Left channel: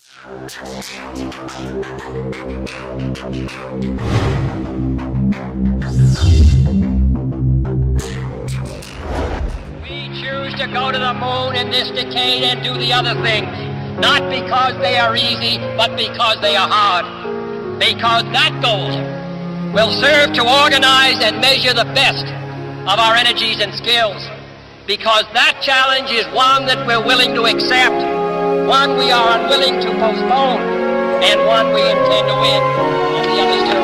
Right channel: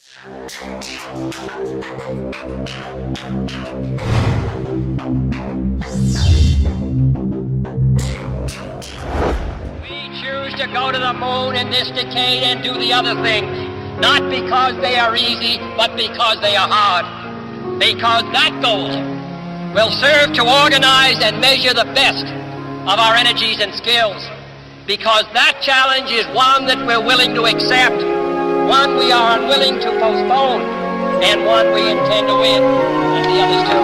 We choose to go to the moon in this decade and do the other things, not because they are easy, but because they are hard. Because that goal will serve to organize and measure the best of our energies and skills. Because that challenge is one that we're willing to accept, one we are unwilling to postpone, and one we intend to win, and the others too.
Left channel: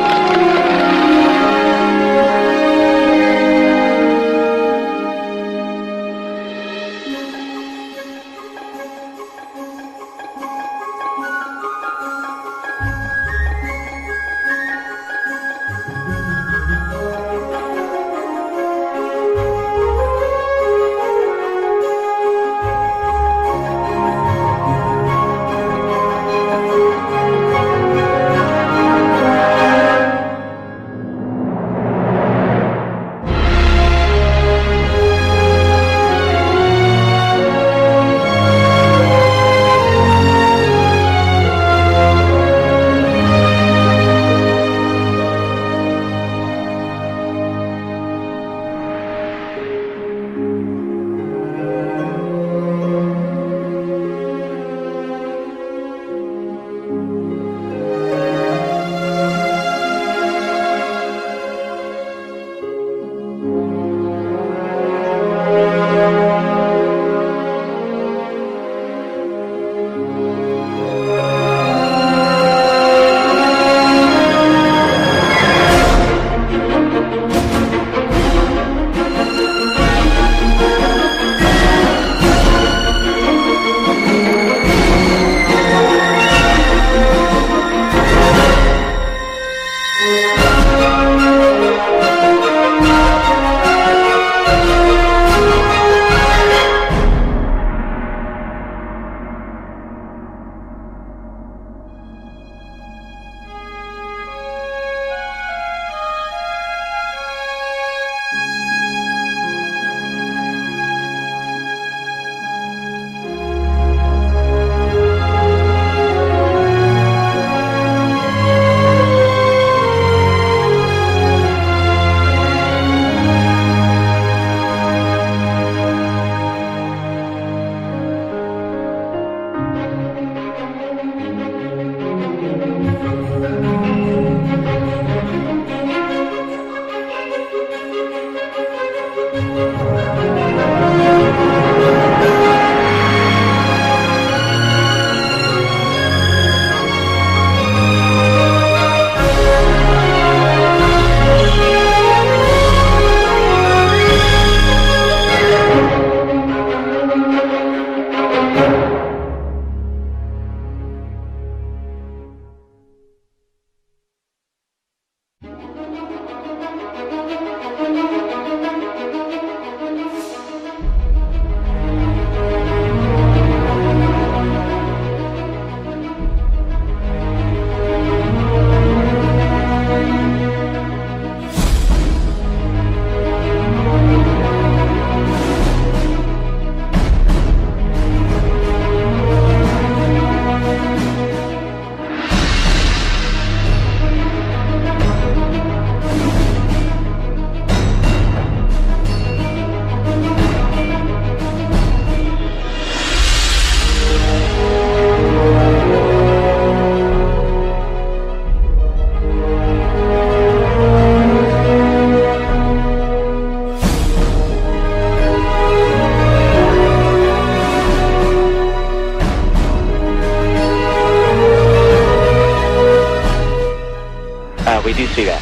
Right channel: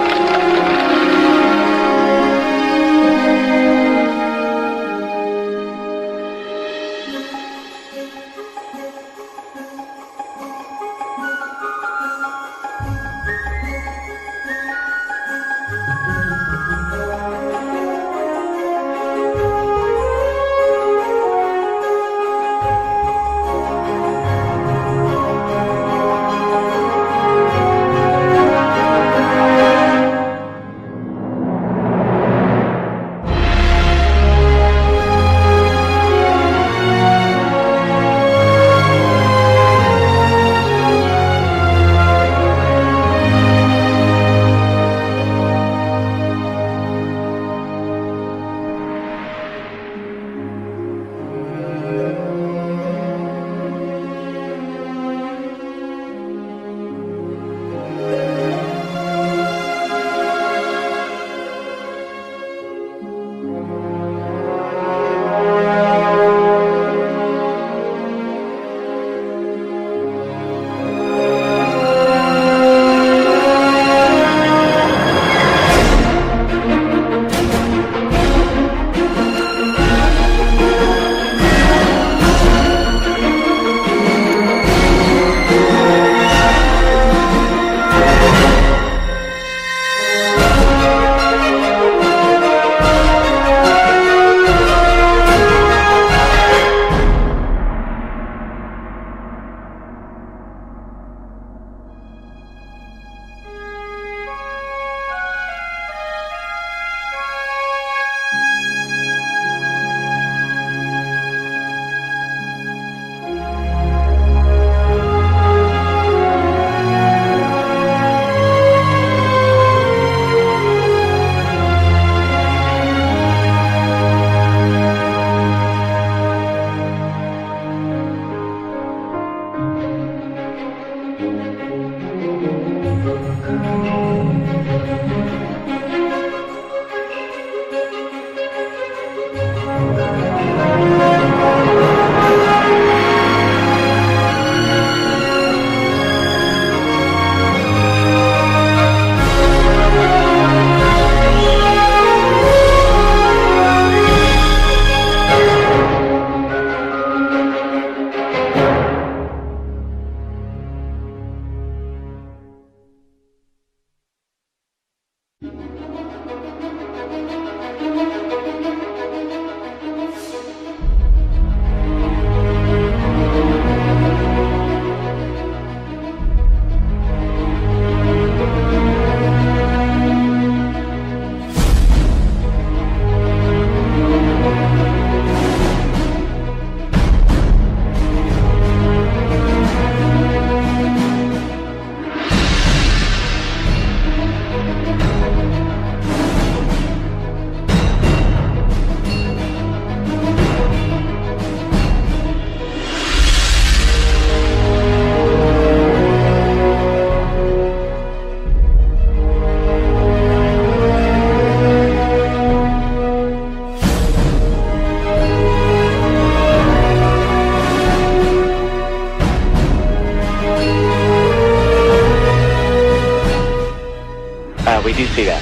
We do see that.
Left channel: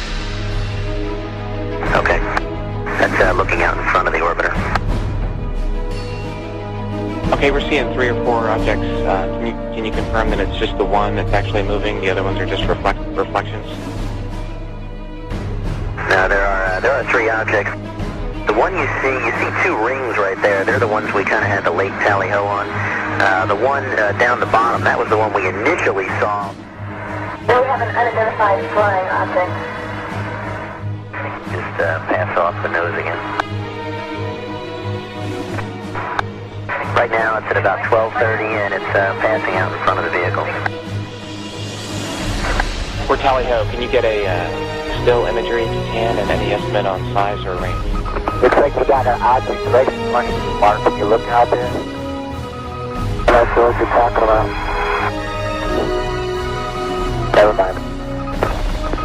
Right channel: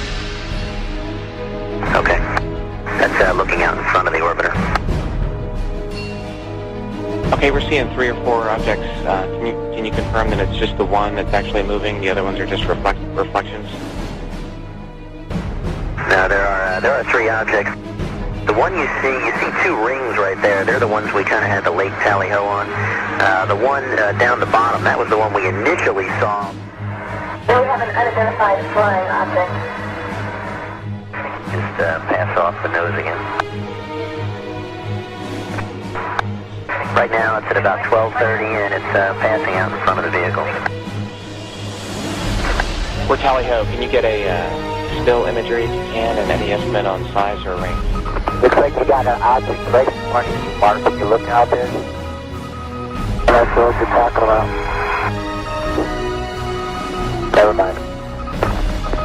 Okay. That's looking out in front of the orbiter. Okay, we're seeing 3 or 4 objects. Can you confirm that it's just the one that's actually moving? The other ones are just reflections? No, there are 3 objects. The one you see 2 rings right there. They're the ones we kind of had the late tally-ho on. The one down the bottom, that was the one we initially saw. We have an unidentified flying object. Just pass off the nose again. Right now it's at about 12:30 and it's passing out in front of the vehicle. We're Tally Ho. Can you get a still imagery if you can, and any estimate on size or range? Looks like you got an object right in front of you, Mark. Can you look out there? That's what you're talking about. Never mind.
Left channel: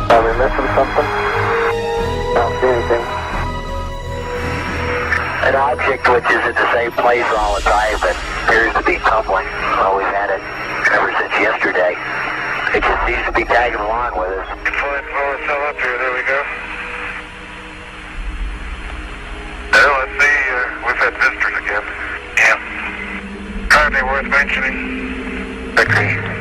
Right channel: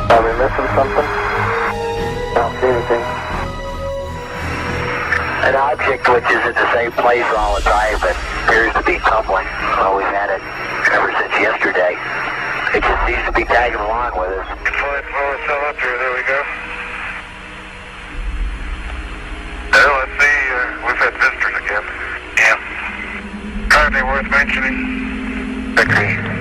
Are we missing something? I don't see anything. An object which is at the same place all the time but appears to be tumbling. Well, we've had it ever since yesterday. It just seems to be tagging along with us. Flight flow is still up here. There we go. Well, let's see. We've had visitors again. Yeah. Hardly worth mentioning. Agree.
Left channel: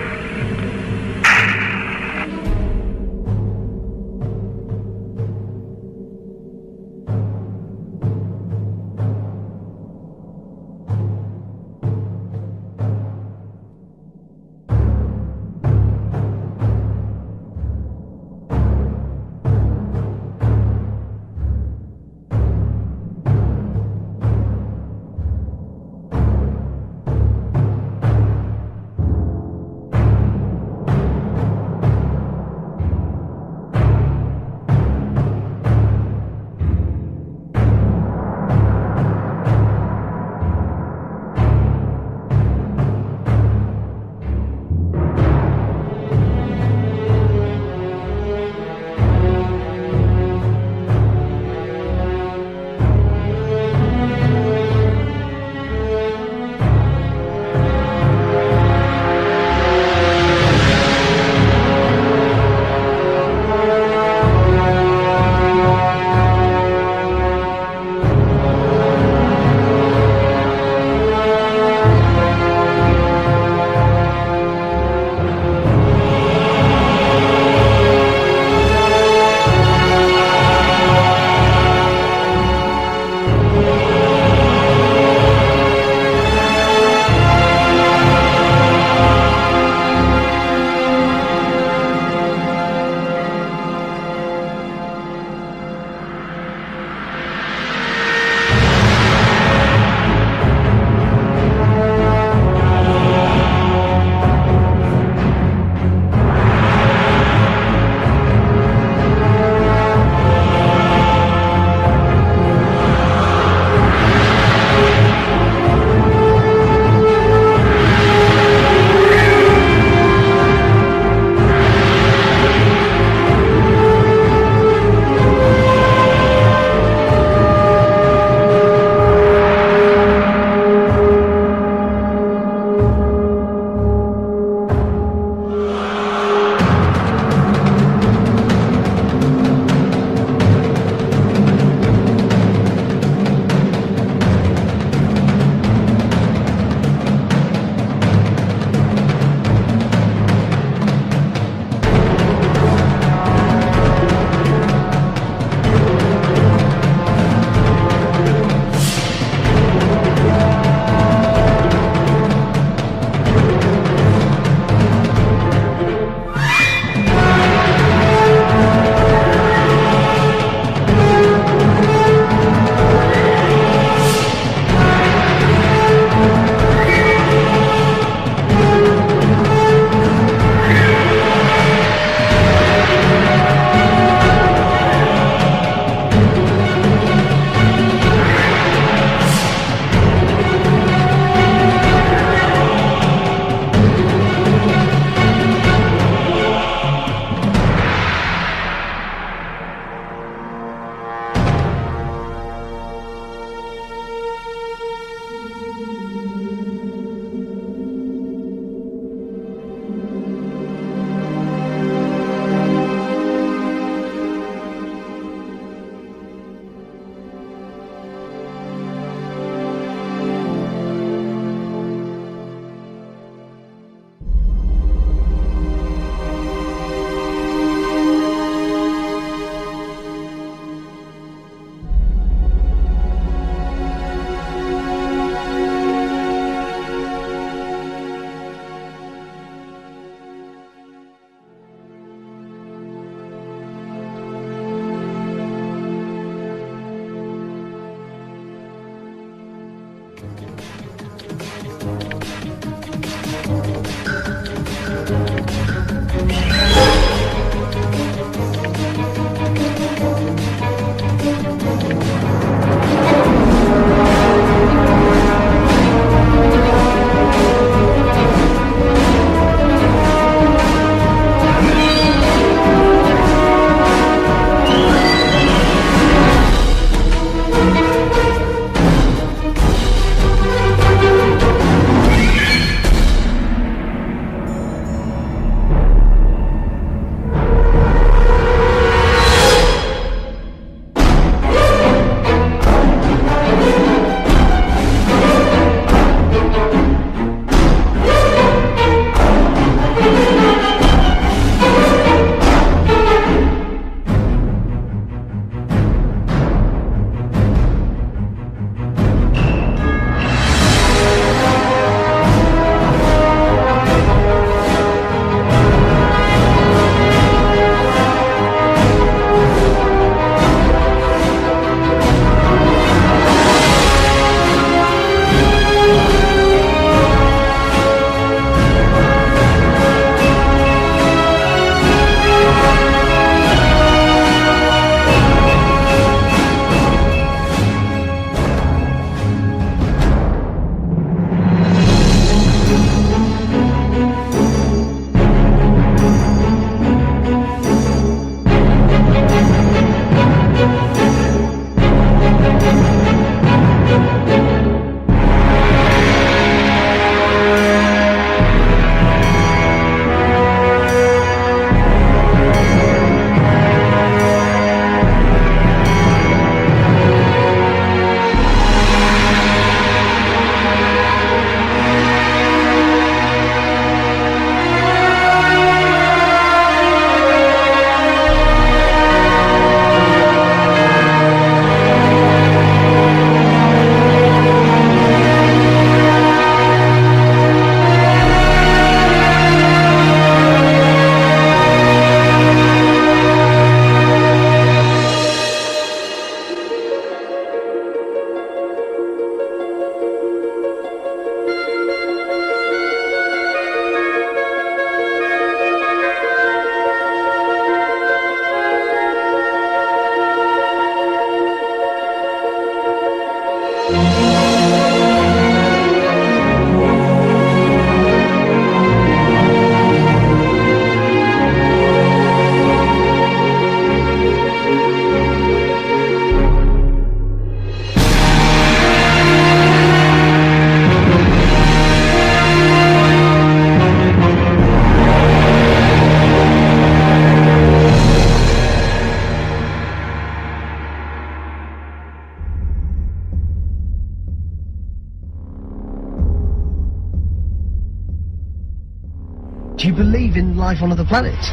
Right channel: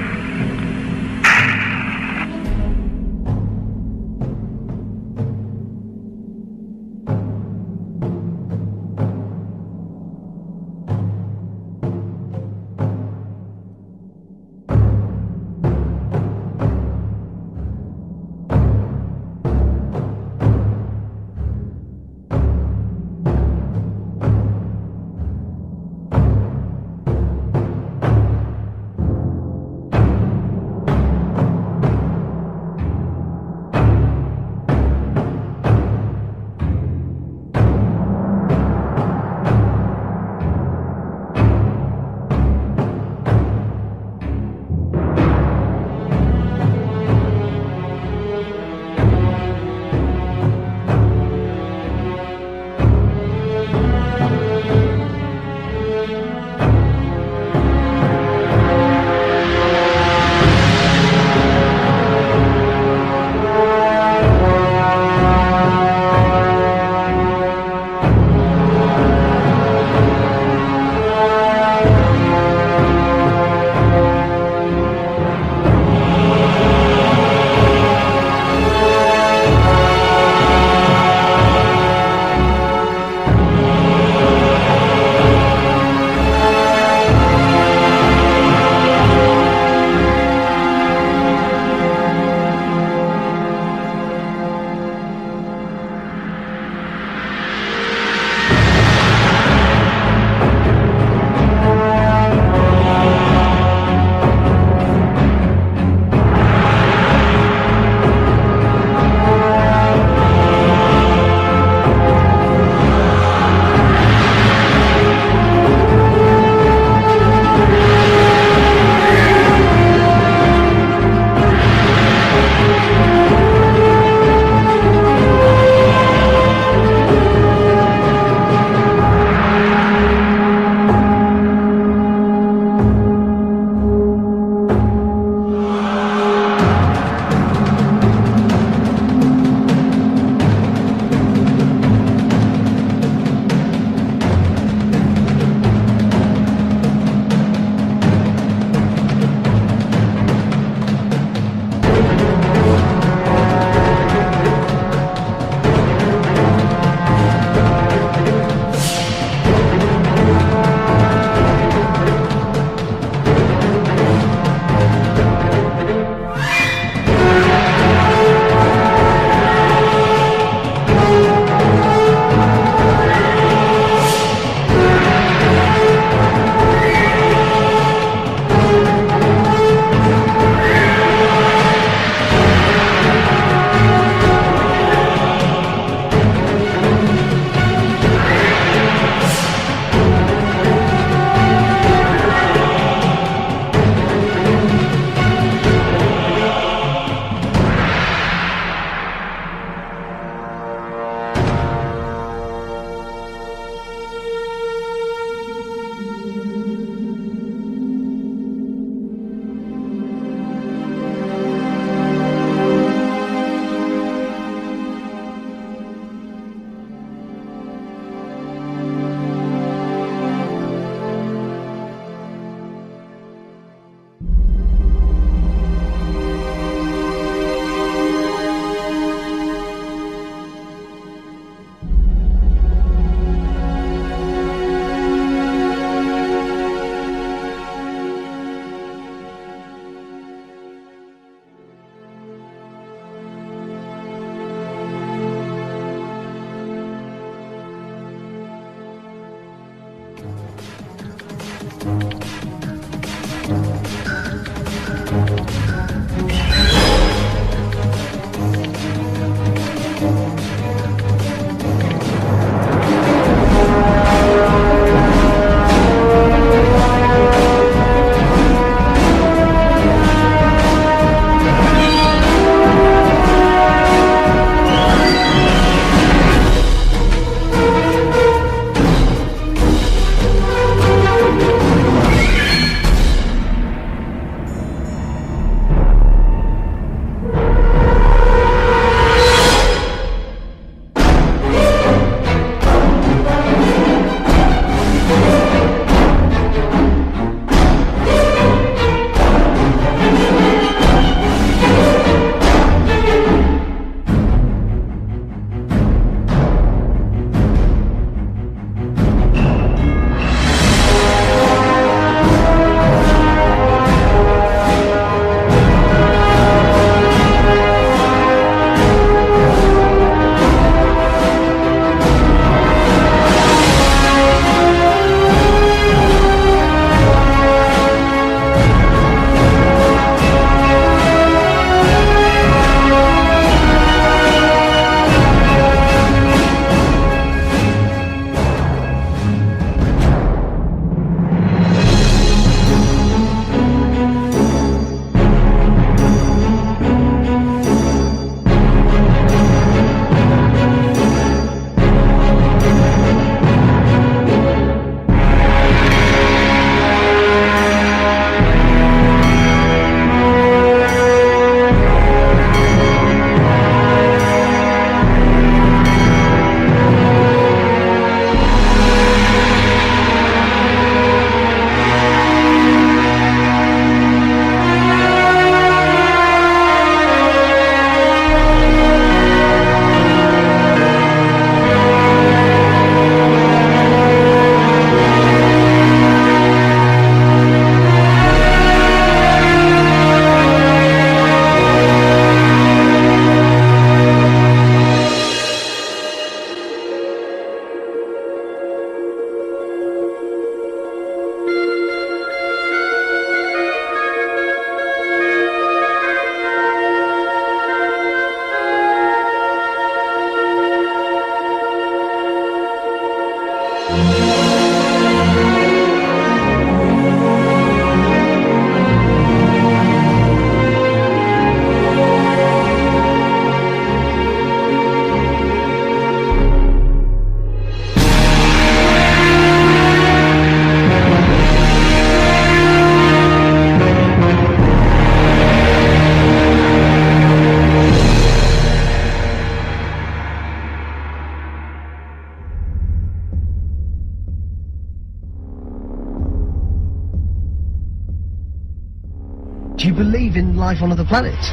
Do you believe in life on other planets?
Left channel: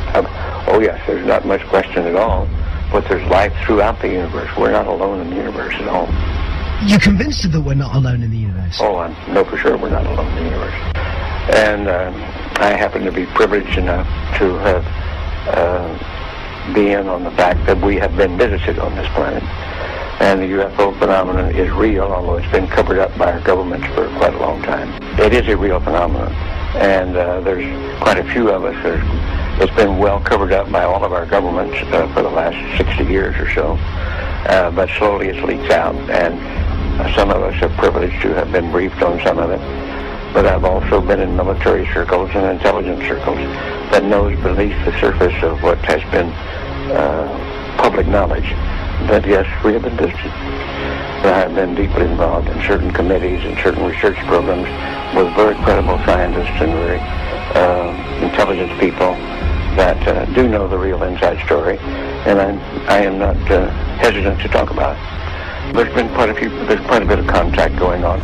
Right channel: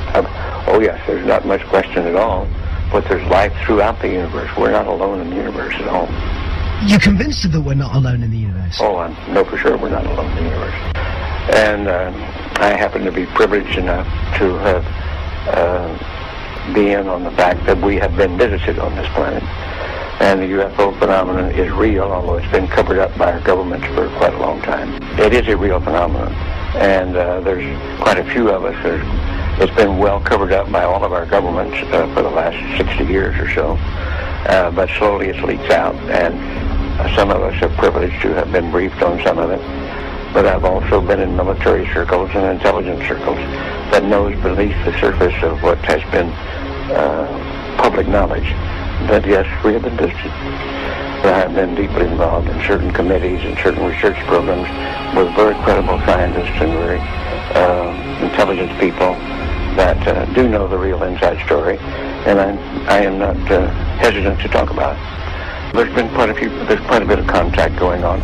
Oh yes, there's not much question at all. But there's life throughout the universe. We're not alone in the universe at all. You're convinced that we're not alone in the universe? Oh, I know for sure we're not alone in the universe. And I happen to be privileged enough to have be in on the fact that we have been visited on this planet. And the UFO phenomenon is real, although it's been covered up by our governments for quite a long time. It is a real phenomenon. And there's quite a few of us. It's been well covered up by all of our governments for the last 60 years or so. But slowly it leaks out, and some of us are privileged to have been briefed on some of it. But I've also been in military circles and intelligence circles that knows beneath the surface of what has been public knowledge that, yes, we have been visited. I have been deeply involved in certain committees and certain research programs with very credible scientists and very intelligent people that do know the real inside story, and I am not hesitant to talk about it. There's quite a bit of contact going on.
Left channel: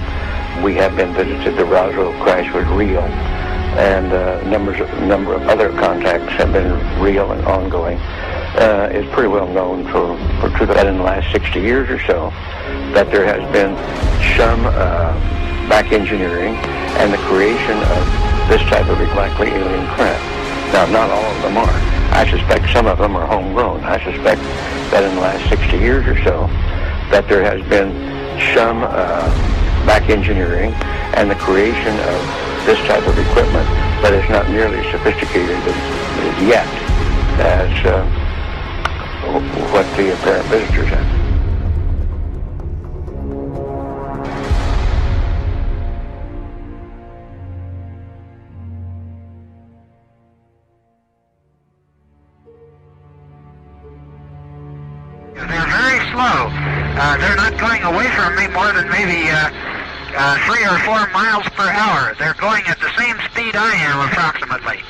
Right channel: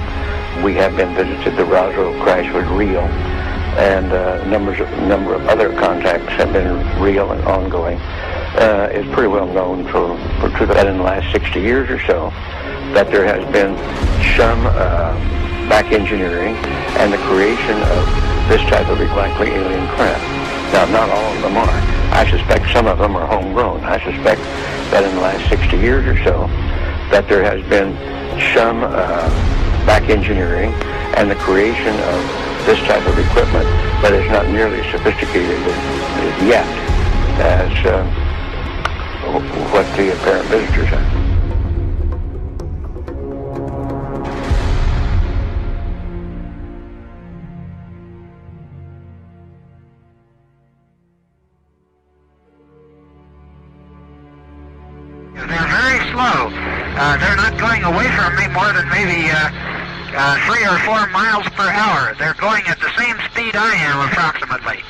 We have been visited. The Roswell crash was real, and a number of other contacts have been real and ongoing. It's pretty well known for that in the last 60 years or so that there has been some back engineering and the creation of this type of likely alien craft. Now, not all of them are. I suspect some of them are homegrown. I suspect that in the last 60 years or so that there has been some back engineering and the creation of this type of equipment, but it's not nearly as sophisticated as yet as what the apparent visitors have. They're very slow. They're not going away from me more than maybe 3 or 4 miles per hour. They're going at the same speed I am, approximately.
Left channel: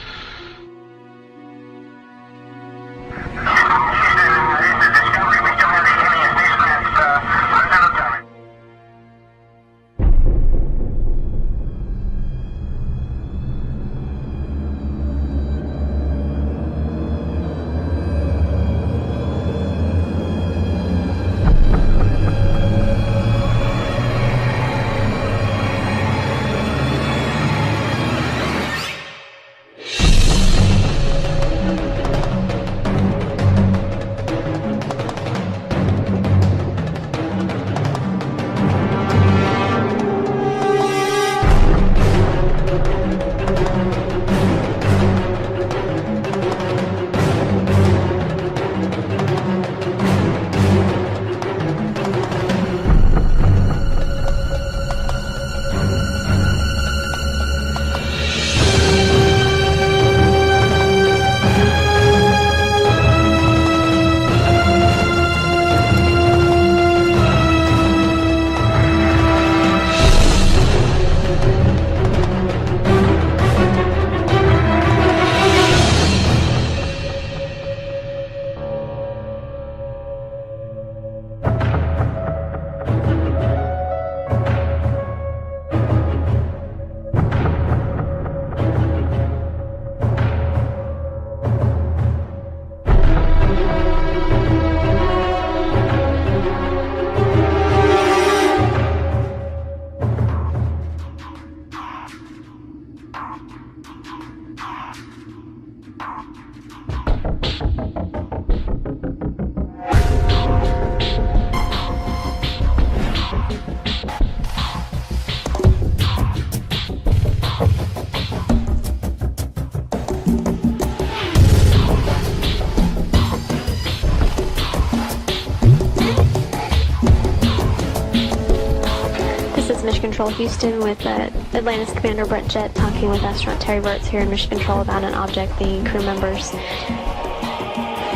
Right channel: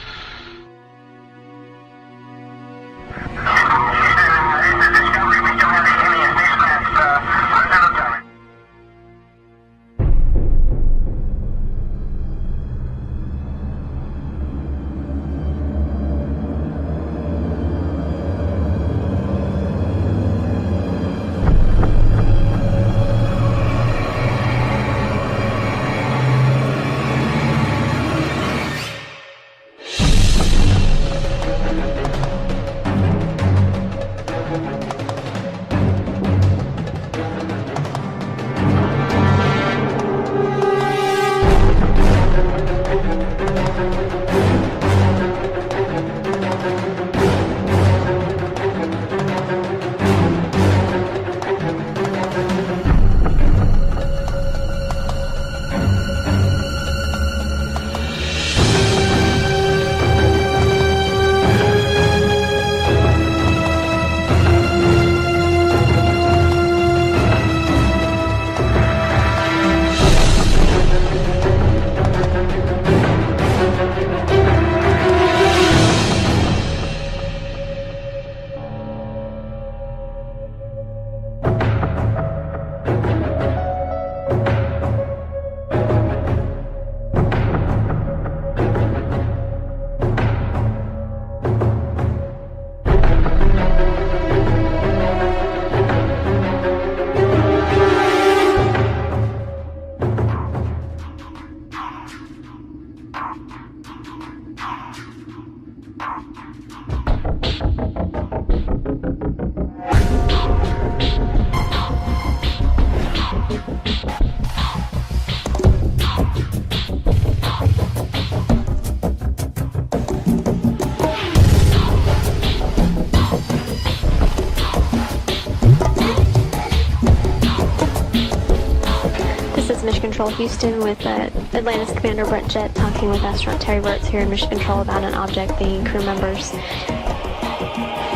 Mission Control Houston with Atlantis Commander Brett Jett talking with astronaut Terry Virts here in Mission Control about an object the crew members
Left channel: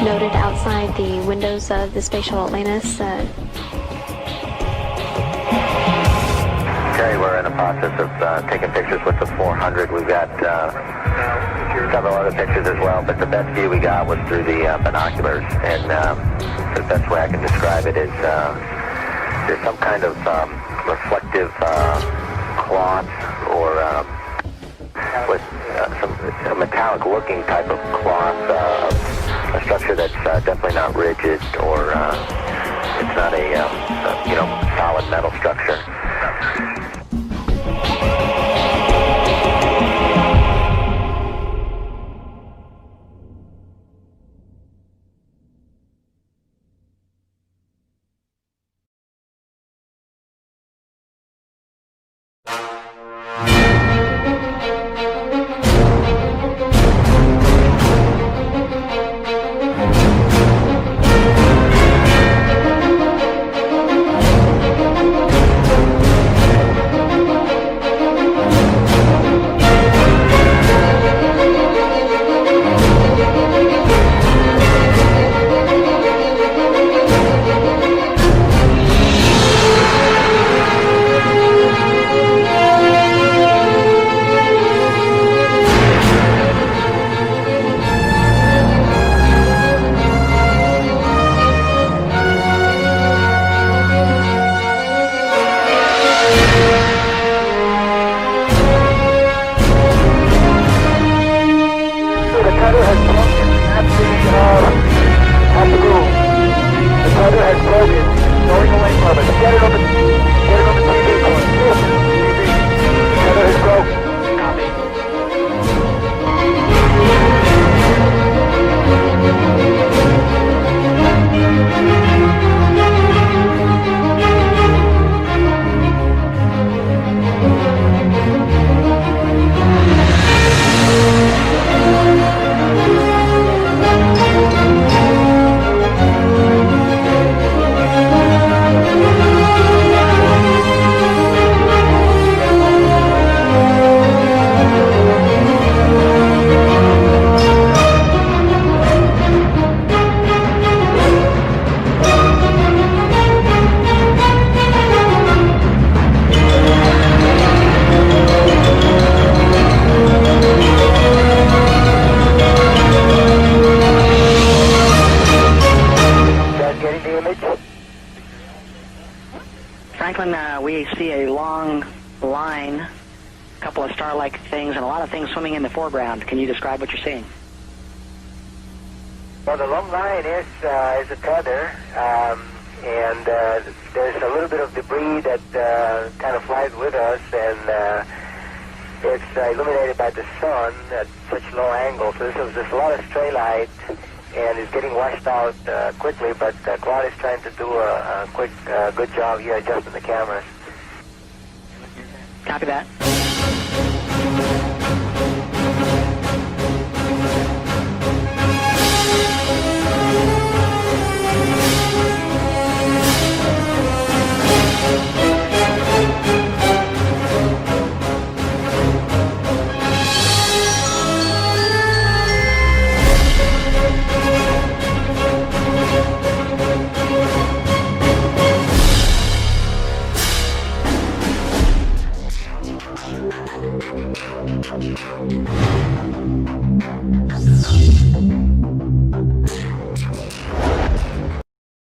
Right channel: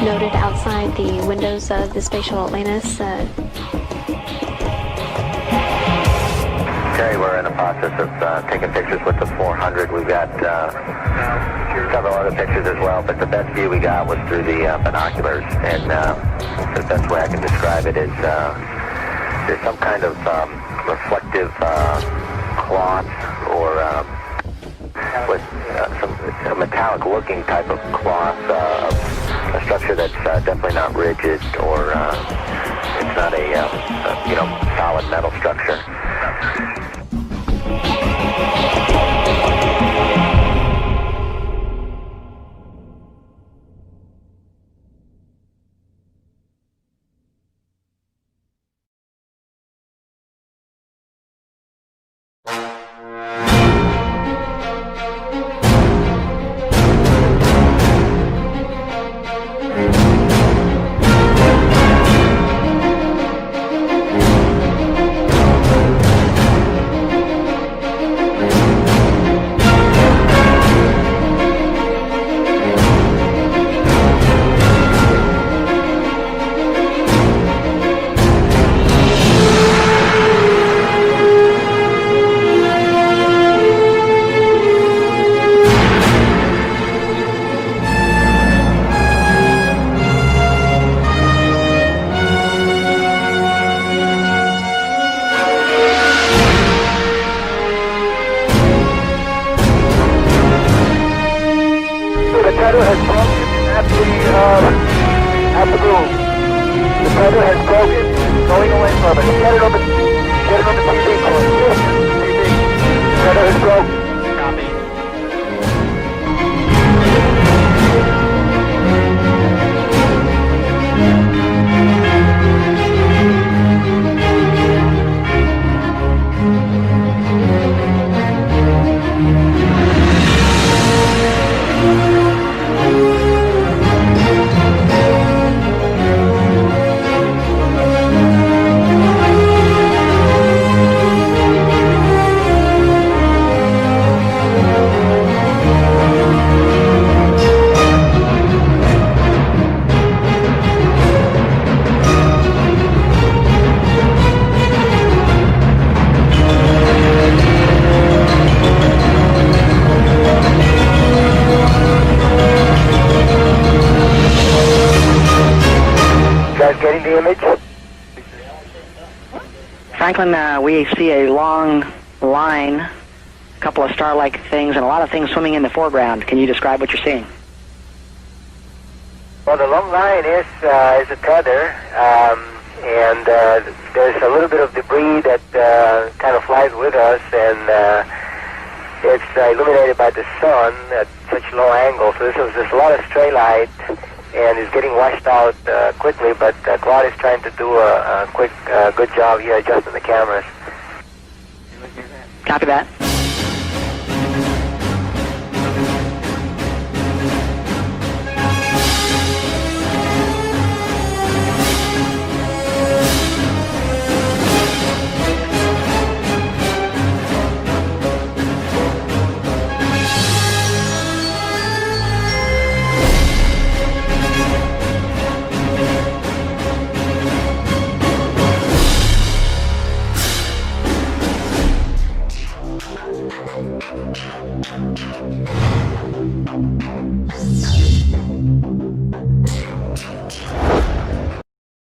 noted outside the windows of the Space Shuttle Atlantis. Terry, we're in the process of taking pictures with the 400. We've got several other pictures as well, but the best view we got was through the binoculars, and the best way I can describe it is there's some kind of reflective cloth or with some metallic metallic-looking type of cloth, a structure that's definitely not rigid or it's not a solid metal structure. The tether has broken at the room. The tether has broken. It's going away from us. Get it on the TV, Corey. Listen, TV. The tether has broken. Copy. Getting the image? Franklin, we see a long line, a couple of star-like things, and a lot of things swimming in the foreground. Can you describe what you're seeing? Well, the long line is a tether, and there's a little bit of debris that kind of flies with us, and it's illuminated by the sun at such low angle. So there's a lot of stray light, and it's getting washed out quickly, but Claude is trying to do a quick, good job here adjusting the cameras. Copy that.